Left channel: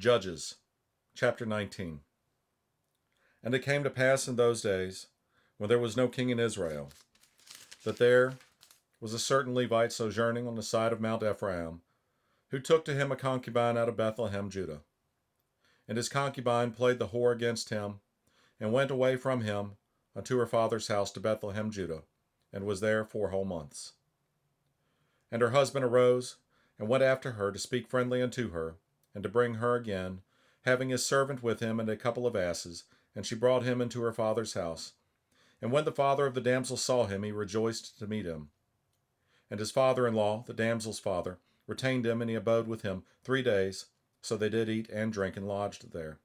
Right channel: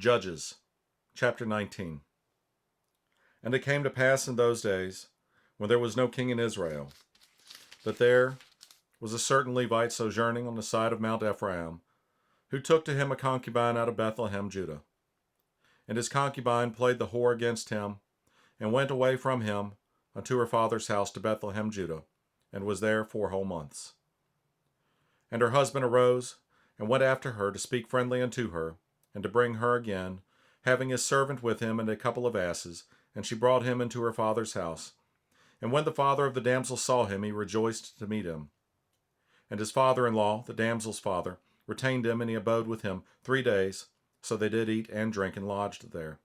Judges, chapter 19. And it came to pass in those days, when there was no king in Israel, that there was a certain Levite sojourning on the side of Mount Ephraim, who took to him a concubine out of Bethlehem, Judah. And his concubine played the whore against him, and went away from him unto her father's house to Bethlehem, Judah, and was there 4 whole months. And her husband arose, and went after her to speak friendly unto her, and to bring her again, having his servant with him and a couple of asses, and she brought him into her father's house. And when the father of the damsel saw him, he rejoiced to meet him. And his father-in-law, the damsel's father, retained him, and he abode with him 3 days. So they did eat and drink, and lodged there.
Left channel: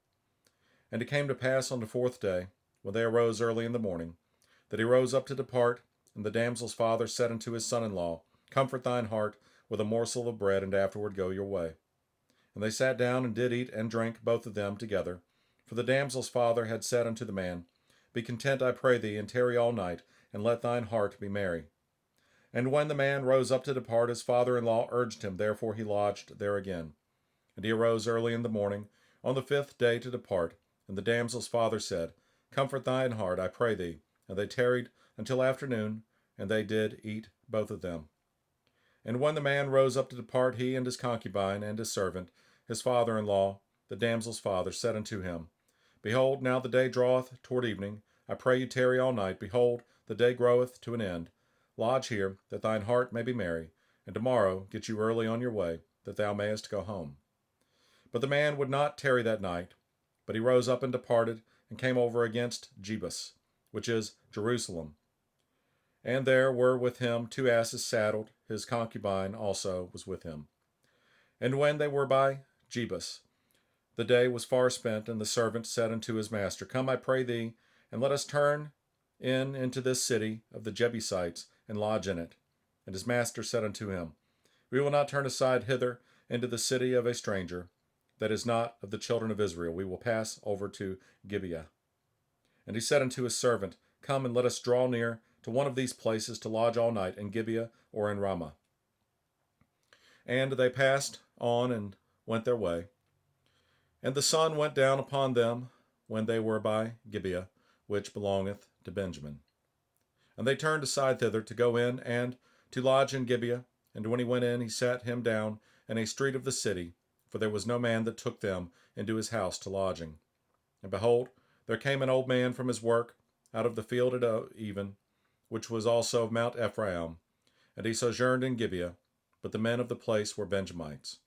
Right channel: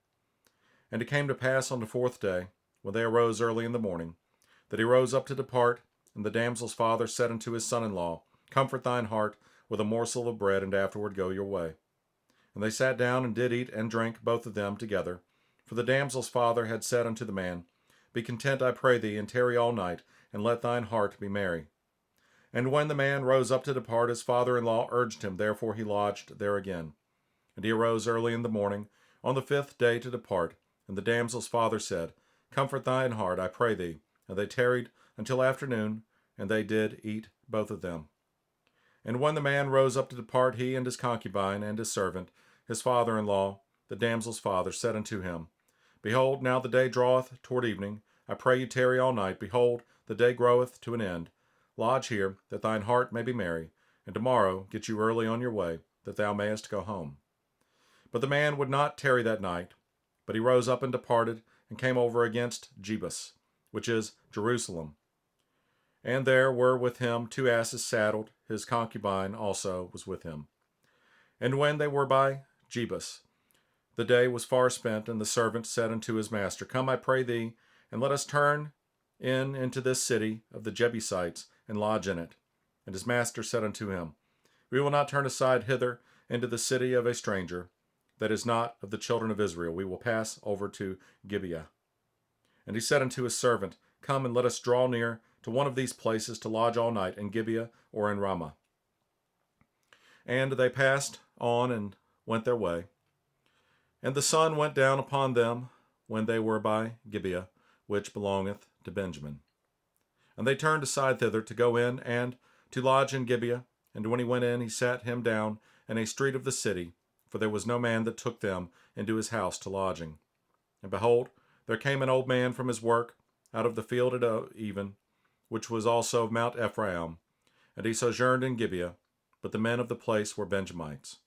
And it came to pass on the 4th day, when they arose early in the morning, that he rose up to depart, and the damsel's father said unto his son-in-law, Comfort thine heart with a morsel of bread, and afterward go your way. And they sat down, and did eat and drink, both of them together. For the damsel's father had said unto the man, Be content, I pray thee, and tarry all night, and let thine heart be merry. And when the man rose up to depart, his father-in-law urged him, therefore he lodged there again. And he arose early in the morning, on the 5th day to depart. And the damsel's father said, Comfort thine heart, I pray thee. And they tarried until afternoon, and they did eat both of them. And when the man rose up to depart, he and his concubine and his servant, his father-in-law, the damsel's father, said unto him, Behold, now the day draweth toward evening. I pray you tarry all night. Behold, the day groweth to an end. Lodge here, that thine heart may be merry, and tomorrow get you early on your way, that thou mayest go home. But the man would not tarry that night, but he rose up and departed, and came over against Jebus, which is Jerusalem. And there were with him 2 asses saddled, his concubine also was with him. And when they were by Jebus, the day was far spent, and the servant said unto his master, Come, I pray thee, and let us turn into this city of the Jebusites, and lodge in it. And his master said unto him, We will not turn aside hither into the city of a stranger, that is not of the children of Israel. We will pass over to Gibeah. And he said unto his servant, Come, and let us draw near to one of these places to lodge all night, in Gibeah or in Ramah. And they passed on and went their way. And the sun went down upon them when they were by Gibeah, which belongeth to Benjamin. And they turned aside thither to go in and to lodge in Gibeah. And when he went in, he sat him down in a street of the city, for there was no man that took them into his house to lodging. And behold, there came an old man from his work out of the field at even, which was also of Mount Ephraim, and he sojourned in Gibeah, but the men of the place were Benjamites.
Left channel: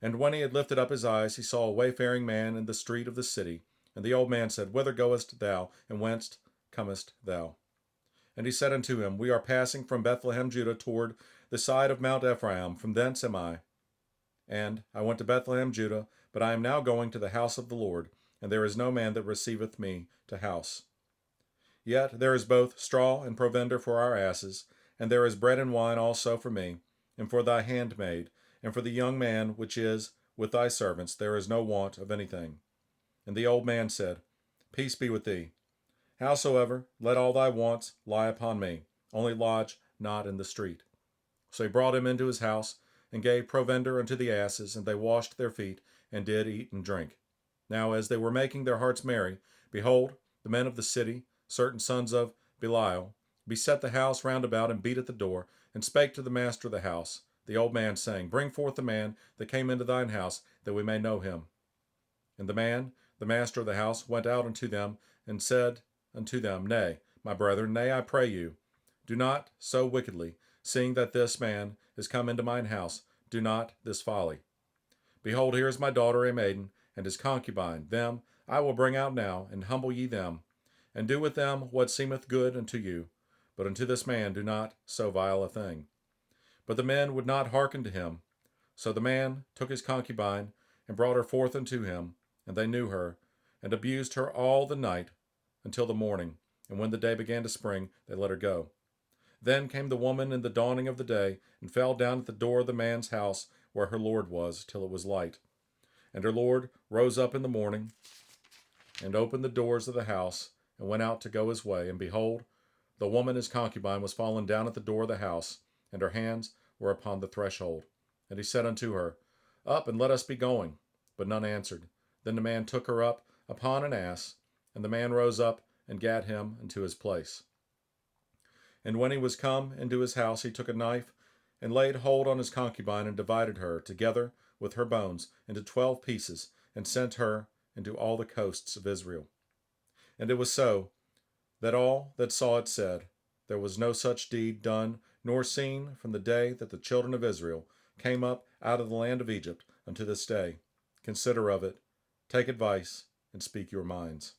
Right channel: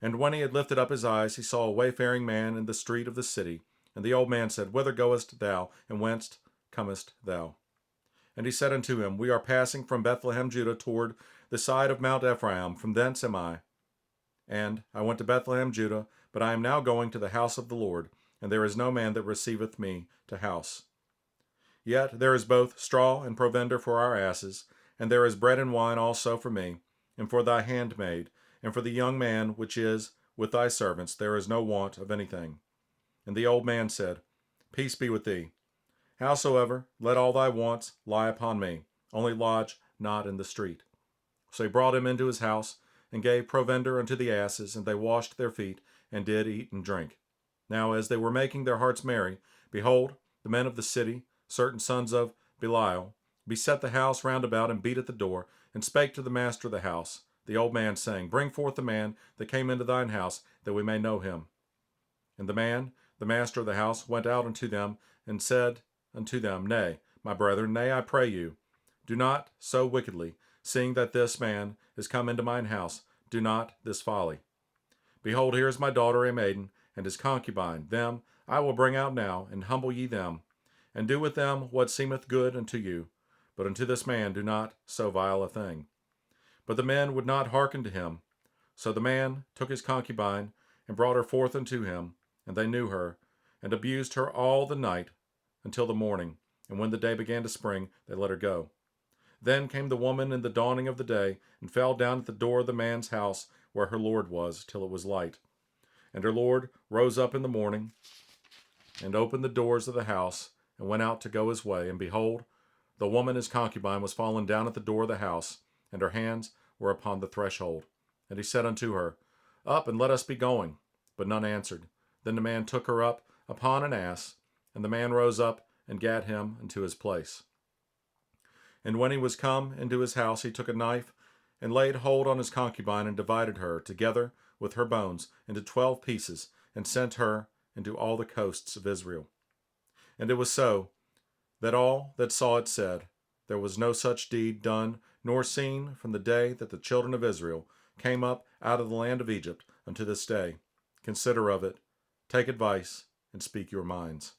And when he had lifted up his eyes, he saw a wayfaring man in the street of the city. And the old man said, Whither goest thou, and whence comest thou? And he said unto him, We are passing from Bethlehem, Judah, toward the side of Mount Ephraim. From thence am I. And I went to Bethlehem, Judah, but I am now going to the house of the Lord, and there is no man that receiveth me to house. Yet there is both straw and provender for our asses, and there is bread and wine also for me, and for thy handmaid, and for the young man which is with thy servants. There is no want of anything. And the old man said, Peace be with thee. Howsoever, let all thy wants lie upon me, only lodge not in the street. So he brought him into his house, and gave provender unto the asses, and they washed their feet, and did eat and drink. Now as they were making their hearts merry, behold, the men of the city, certain sons of Belial, beset the house round about, and beat at the door, and spake to the master of the house, the old man, saying, Bring forth the man that came into thine house, that we may know him. And the man, the master of the house, went out unto them, and said unto them, Nay, my brethren, nay, I pray you, do not so wickedly, seeing that this man is come into mine house, do not this folly. Behold, here is my daughter a maiden, and his concubine. Them I will bring out now, and humble ye them, and do with them what seemeth good unto you. But unto this man do not so vile a thing. But the men would not hearken to him. So the man took his concubine, and brought her forth unto him, and they knew her, and abused her all the night until the morning. And when the day began to spring, they let her go. Then came the woman in the dawning of the day, and fell down at the door of the man's house where her lord was, till it was light. And her lord rose up in the morning, and opened the doors of the house, and went out to go his way. And behold, the woman his concubine was fallen down at the door of the house, and her hands were upon the threshold. And he said unto her, Up, and let us be going. But none answered. Then the man took her up upon an ass, and the man rose up and gat him into his place. And when he was come into his house, he took a knife and laid hold on his concubine and divided her, together with her bones, into 12 pieces, and sent her into all the coasts of Israel. And it was so that all that saw it said, there was no such deed done nor seen from the day that the children of Israel came up out of the land of Egypt unto this day. Consider of it, take advice, and speak your minds.